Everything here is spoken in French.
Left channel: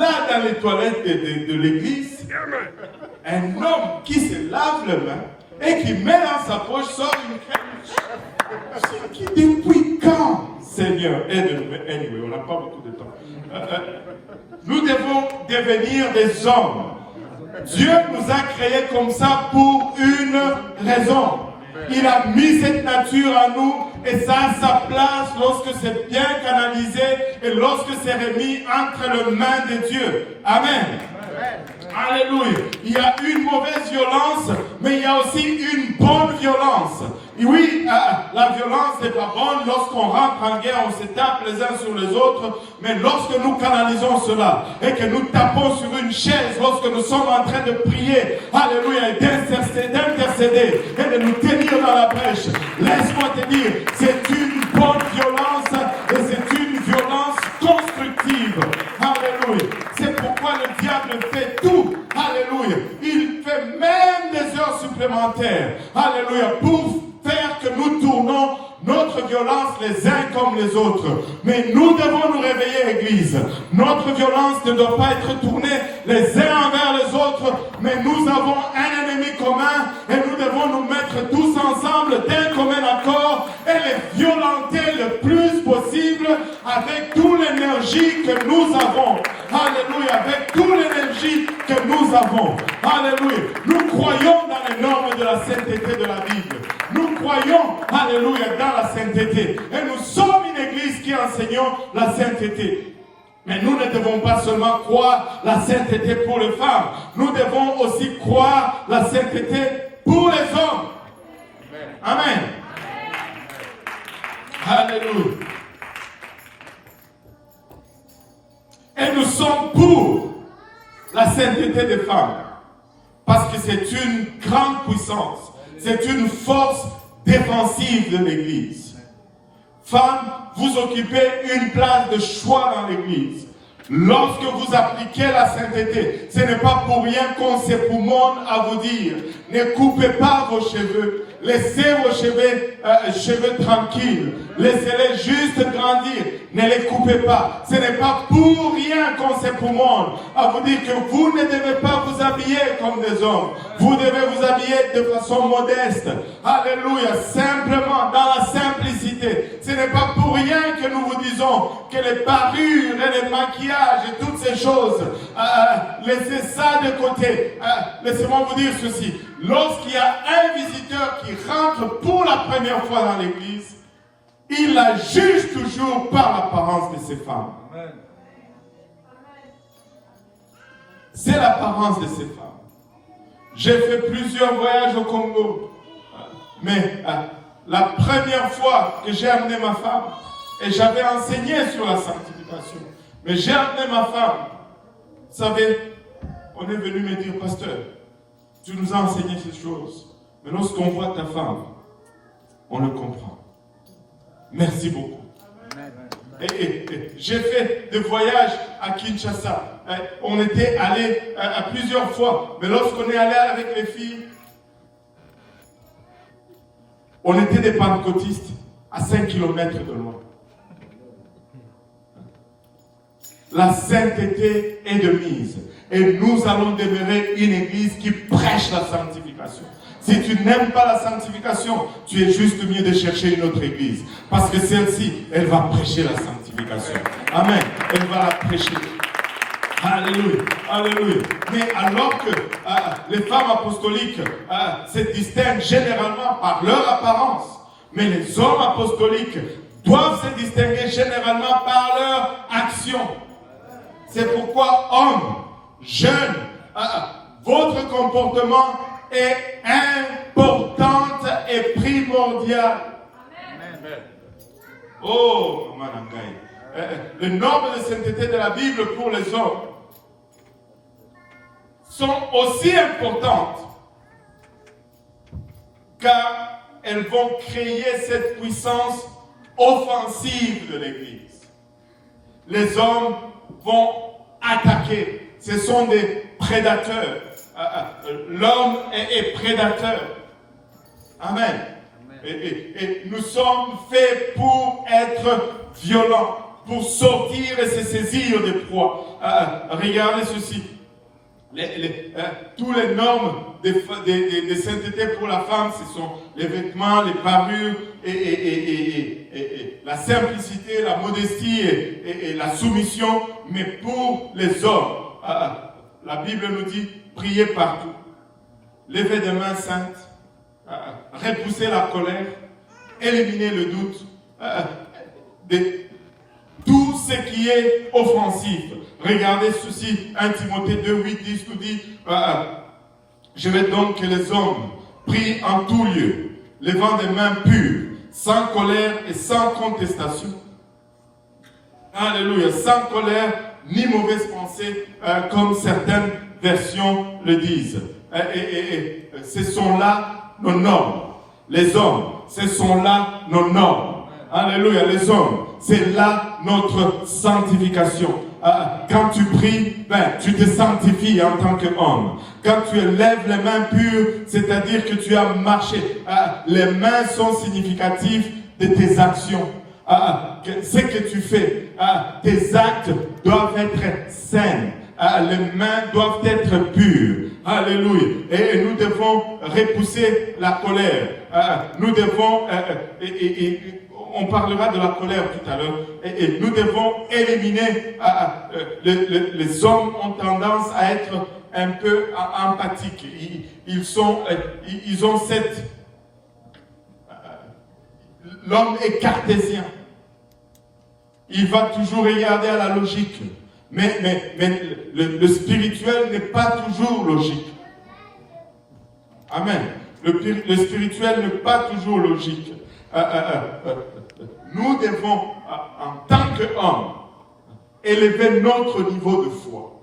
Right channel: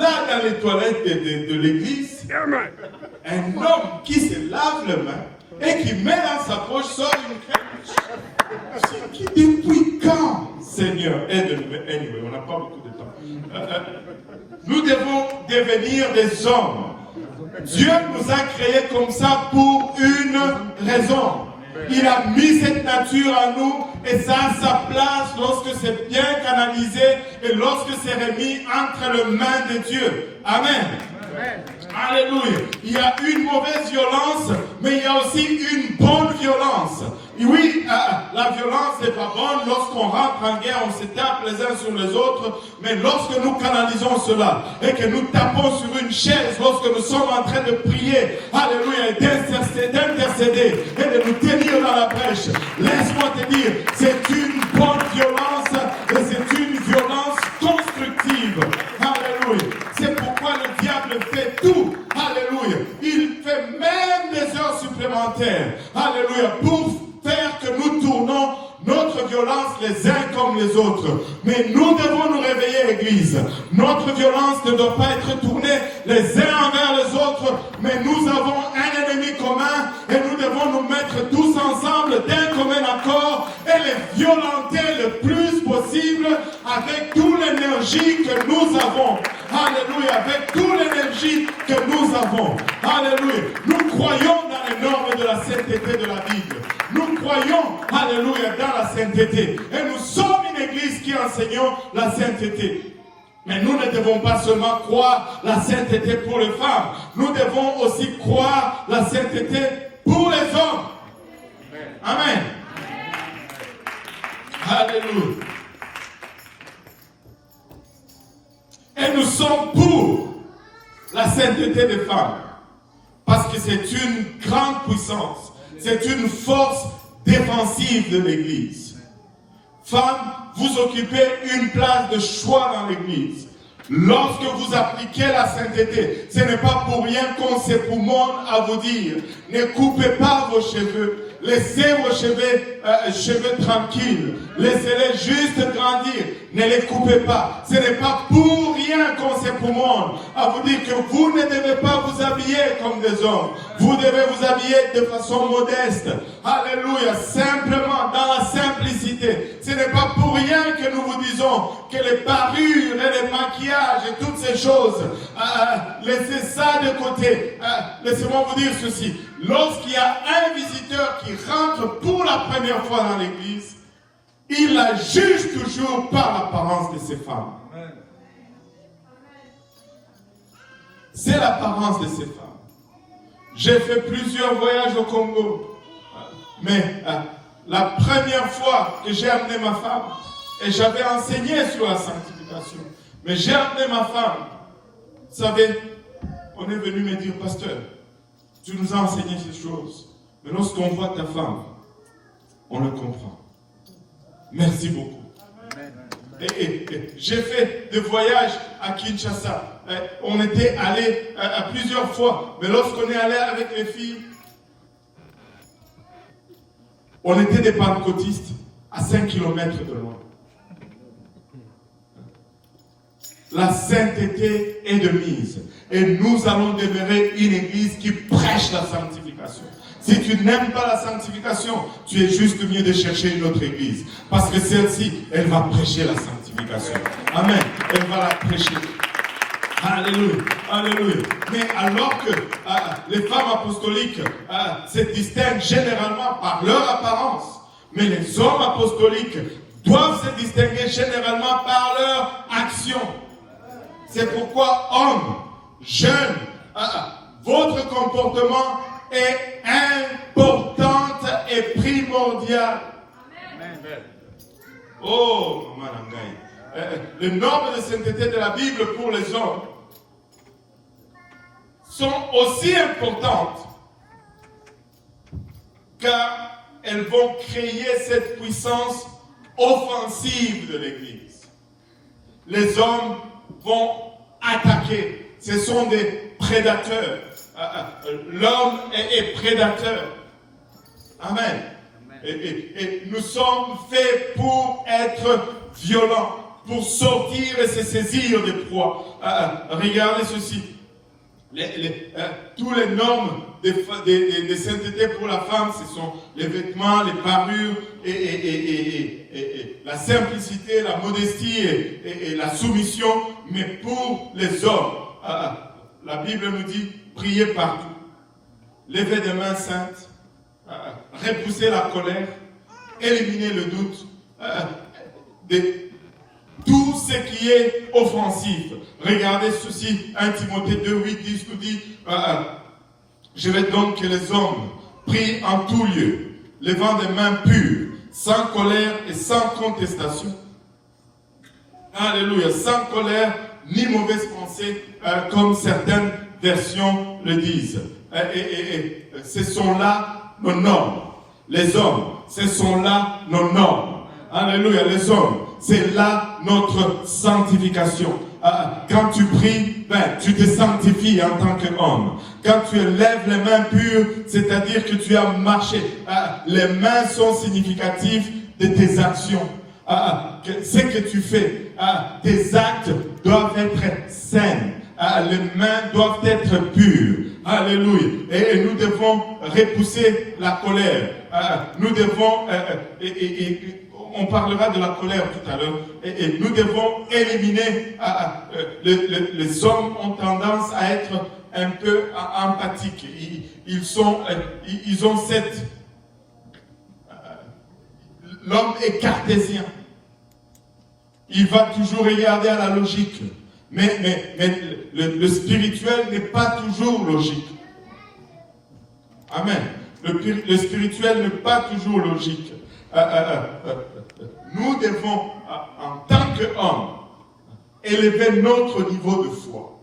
là dans les toilettes de l'église, un homme qui se lave les mains et qui met dans sa poche, sort une crème. C'est qui depuis quand, Seigneur, aide-nous. Anyway, on n'a pas beaucoup de temps. Nous devons devenir des hommes. Dieu nous a créés comme ça pour une raison. Il a mis cette nature en nous et ça a sa place lorsque c'est bien canalisé et lorsque c'est remis entre les mains de Dieu. Amen. Alléluia. Il y a une mauvaise violence, mais il y a aussi une bonne violence. Et oui, la violence n'est pas bonne. Lorsqu'on rentre en guerre, on se tape les uns sur les autres. Mais lorsque nous canalisons cela et que nous tapons sur une chaise, lorsque nous sommes en train de prier, alléluia, et d'intercéder et de nous tenir dans la brèche, laisse-moi te dire, c'est une bonne violence et c'est une violence constructive. Alléluia. C'est pourquoi le diable fait tout. Alléluia. Il fait même des heures supplémentaires. Alléluia. Pour faire que nous tournons notre violence les uns comme les autres. Mais nous devons nous réveiller, Église. Notre violence ne doit pas être tournée les uns envers les autres, mais nous avons un ennemi commun et nous devons nous mettre tous ensemble d'un commun accord et les violenter le plus possible avec toute l'énergie que nous avons. Alléluia. Avec toute l'énergie que nous avons. Alléluia. Nous croyons dans les normes de la sainteté de la Bible. Nous croyons, alléluia, dans la sainteté. Et nous sommes une église qui enseignons la sainteté. Mais nous ne devons pas seulement croire la sainteté pour les femmes. Nous devons aussi croire la sainteté pour les hommes. Amen. Alléluia. Et nous sommes pour la sainteté des femmes. Parce que c'est une grande puissance. C'est une force défensive de l'Église. Femmes, vous occupez une place de choix dans l'Église. Lorsque vous appliquez la sainteté, ce n'est pas pour rien qu'on s'époumonne à vous dire, ne coupez pas vos cheveux, laissez vos cheveux tranquilles, laissez-les juste grandir, ne les coupez pas. Ce n'est pas pour rien qu'on s'époumonne à vous dire que vous ne devez pas vous habiller comme des hommes. Vous devez vous habiller de façon modeste. Alléluia, simplement, dans la simplicité. Ce n'est pas pour rien que nous vous disons que les parures et les maquillages et toutes ces choses, laissez ça de côté. Laissez-moi vous dire ceci. Lorsqu'il y a un visiteur qui rentre pour la première fois dans l'église, il la juge toujours par l'apparence de ces femmes. C'est l'apparence de ces femmes. J'ai fait plusieurs voyages au Congo. Mais la première fois que j'ai amené ma femme, et j'avais enseigné sur la sanctification, mais j'ai amené ma femme, vous savez, on est venu me dire, pasteur, tu nous as enseigné ces choses, mais lorsqu'on voit ta femme, on le comprend. Merci beaucoup. Et j'ai fait des voyages à Kinshasa. On était allés à plusieurs fois, mais lorsqu'on est allé avec les filles, on était des pentecôtistes à 5 km de loin. La sainteté est de mise. Et nous allons demeurer une église qui prêche la sanctification. Si tu n'aimes pas la sanctification, tu es juste mieux de chercher une autre église. Parce que celle-ci, elle va prêcher la sanctification. Amen. Elle va la prêcher. Alléluia. Alléluia. Mais alors que les femmes apostoliques se distinguent généralement par leur apparence, mais les hommes apostoliques doivent se distinguer généralement par leur action. C'est pourquoi, hommes, jeunes, votre comportement est important et primordial. Oh, Manangaï. Les normes de sainteté de la Bible pour les hommes sont aussi importantes car elles vont créer cette puissance offensive de l'Église. Les hommes vont attaquer. Ce sont des prédateurs. L'homme est prédateur. Amen. Et nous sommes faits pour être violents. pour sortir et se saisir des proies. Regardez ceci. Tous les normes de sainteté pour la femme, ce sont les vêtements, les parures, et la simplicité, la modestie et la soumission. Mais pour les hommes, la Bible nous dit, priez partout, levez des mains saintes, repoussez la colère, éliminez le doute, tout ce qui est offensif. Regardez ceci, 1 Timothée 2:8 nous dit, je veux donc que les hommes prient en tout lieu, levant des mains pures, sans colère et sans contestation. Alléluia, sans colère ni mauvaise pensée, comme certaines versions le disent. Ce sont là nos normes. Les hommes, ce sont là nos normes. Alléluia, les hommes, c'est là notre sanctification. Quand tu pries, tu te sanctifies en tant qu'homme. Quand tu lèves les mains pures, c'est-à-dire que tu as marché. Les mains sont significatives de tes actions. Ce que tu fais, tes actes doivent être sains. Les mains doivent être pures. Alléluia. Et nous devons repousser la colère. Nous devons, on parlera de la colère tout à l'heure, et nous devons éliminer, les hommes ont tendance à être un peu empathiques. Ils ont cette... L'homme est cartésien. Il va toujours regarder à la logique. Mais le spirituel n'est pas toujours logique. Amen. Le spirituel n'est pas toujours logique. Nous devons, en tant qu'hommes, élever notre niveau de foi.